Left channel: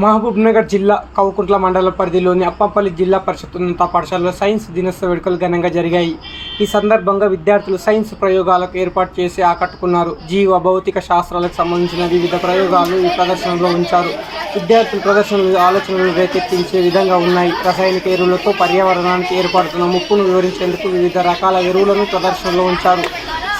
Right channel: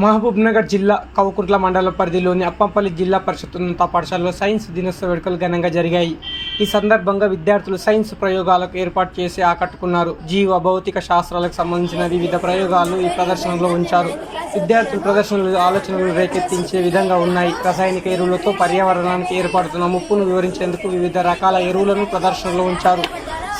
మహబూబ్నగర్ జిల్లా కౌకుట్ల మండల పరిధిలోని అప్పంపల్లి జిల్లా పరిషత్ ఉన్నత పాఠశాలలో సైన్స్ దినోత్సవ వేడుకలు ఘనంగా జరిగాయి. ఈ సందర్భంగా విద్యార్థులు సైన్స్ ప్రయోగాలకు ఏర్పాటు చేసి ఆకట్టుకున్నారు. జీవ భౌతిక శాస్త్రాలకు సంబంధించిన వివిధ ప్రయోగాలు ఈ ప్రదర్శనలో ఉంచారు. విద్యార్థుల ప్రదర్శనలు ఆలోచనలు రేకెత్తించే విధంగా ఉన్నాయి. రసాయనిక ఎరువులతో పర్యావరణానికి ఏర్పడుతున్న ముప్పును వివరించేందుకు వివిధ రకాల ఎరువులను ప్రదర్శనలో ఉంచారు.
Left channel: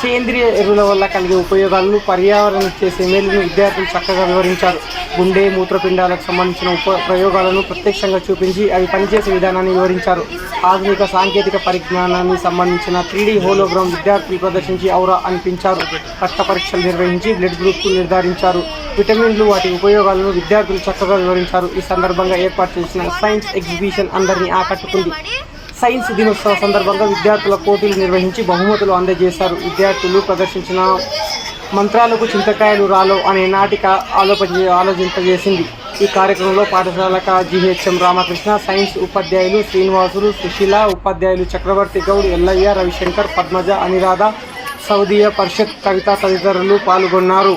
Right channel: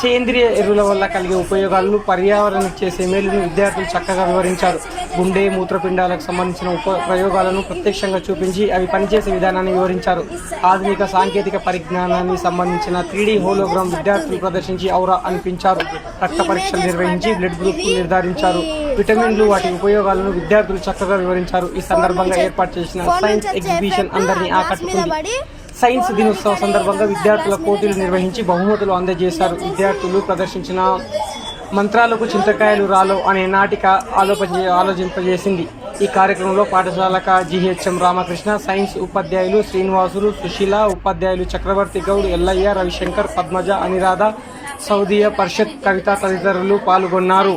సేంద్రియ ఎరువుల వల్ల కలిగే ఉపయోగాలను, పర్యావరణం చేసే మేలును విద్యార్థులు చక్కగా వివరించారు. గుండె, మూత్రపిండాలకు సంబంధించిన ప్రయోగాలను ప్రత్యక్షంగా చూపించి అవి పనిచేసే విధానాన్ని వివరించారు. ఆధునిక సాంకేతిక పరిజ్ఞానానికి సంబంధించిన 3D హోలోగ్రామ్ విద్యార్థులు ప్రదర్శించి ఔరా అనిపించారు. రక్త పరీక్షలు నిర్వహించి బ్లడ్ గ్రూప్ నిర్ధారించారు. విటమిన్లు, వాటి ఉపయోగాలను విద్యార్థులు చక్కగా వివరించారు. ఈ సందర్భంగా ఏర్పాటు చేసిన సైన్స్ ఎగ్జిబిషన్ అందరినీ ఆకట్టుకుంది. సైన్స్ దినోత్సవ సందర్భంగా విద్యార్థుల పోటీలు నిర్వహించి బహుమతులు అందజేశారు. విద్యార్థులు ప్రదర్శించిన మంత్రాలకు చింతకాయలు రాలో అనే నాటిక ఆలోచింపజేసింది. ఈ కార్యక్రమంలో పాఠశాల GHM రామకృష్ణ, సైన్స్ ఉపాధ్యాయులు శ్రీనివాసులు, సుశీల, ఉపాధ్యాయులు చక్రవర్తి గౌడ్, ఎల్లయ్య, రవిశంకర్, పద్మజ, అనిరాధ, సౌదీయ పరిషత్, కవిత తదితరులు పాల్గొన్నారు.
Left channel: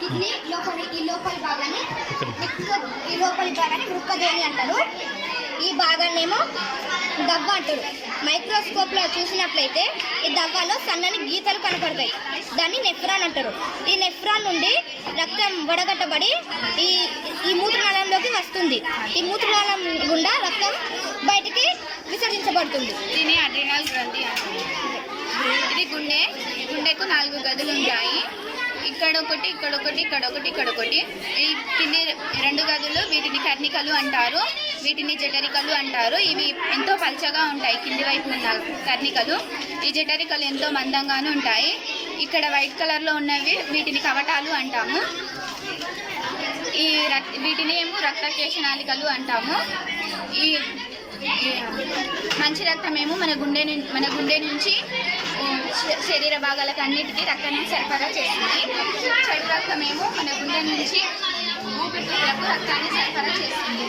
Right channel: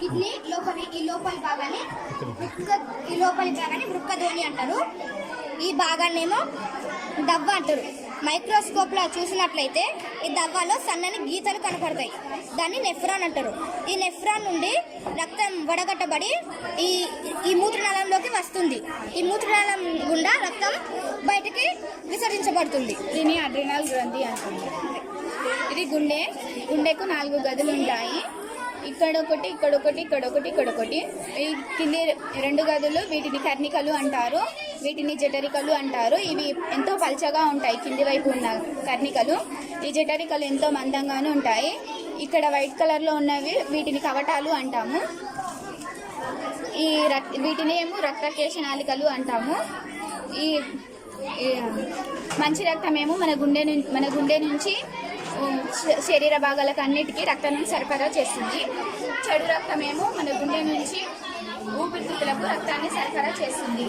కిడ్నీ ఈ లోపలి భాగాన్ని వృక్కధోని అంటారు. ఈ భాగాన్ని ఏమో దవ్వ అంటారు. మైక్రోస్కోప్లో చూసినట్లయితే ఈ దవ్వలో సన్నని గీతలు కనపడతాయి. దాన్ని నెఫ్రాన్ అంటారు. ఈ నెఫ్రాన్ నుండి రక్తం వడగట్టబడి ఈ మూత్రనాళంలోకి వస్తుంది. ఈ మూత్రనాళం గుండా రక్తం బయటికి విసర్జించబడుతుంది. దీన్ని అడ్రినల్ గ్రంథి అంటారు. ఇది గుండెకు 4 గదులు ఉంటాయి. ఇక్కడొకటి, ఇక్కడొకటి, ఇక్కడొకటి, ఇక్కడొకటి. ఈ కింది 2 గదులు వీటిని కర్ణికలు అంటారు. వీటిని జఠరికలు అంటారు. ఇవి ఎంతో పల్చగా ఉంటాయి. కింది వైపు ఉన్న కర్ణికలు. ఈ జఠరికలు ఎంతో మందంగాను ఉంటాయి. ఇక్కడ వైట్ కలర్లో ఉన్నవి వీటిని కవటాలు అంటాము. వీటిని ఏమో రక్తకేశనాళికలు అంటాము. ఈ మంచి రక్తమేమో మన గుండె నుంచి శరీర భాగాలకు అన్నిటికీ రక్తాన్ని సరఫరా చేస్తుంది. చెడు రక్తమేమో మన గుండె నుంచి ఊపిరితిత్తులకు రక్తాన్ని సరఫరా చేస్తుంది.